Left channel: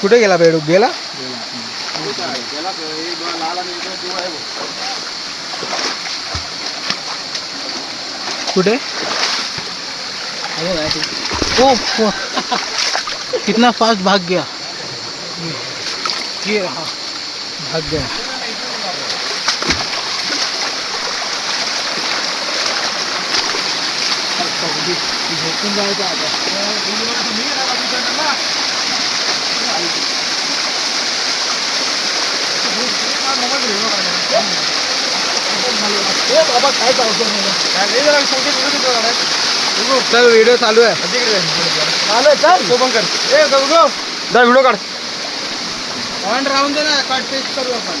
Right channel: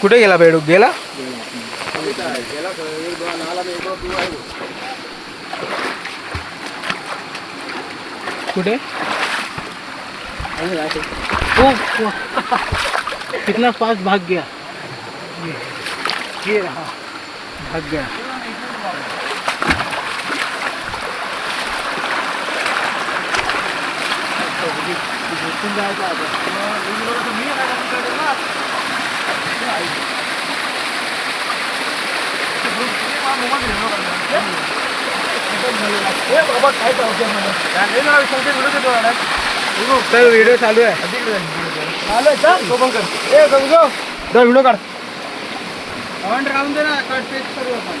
कुठे गेला बेडूक गेला कुठे ओ कितना फास्ट भाग गया ये रहा भाग गया व्हिडिओ चालू आहे व्हिडिओ काढ ऑन राहून दे ना कट पेस्ट करू आपण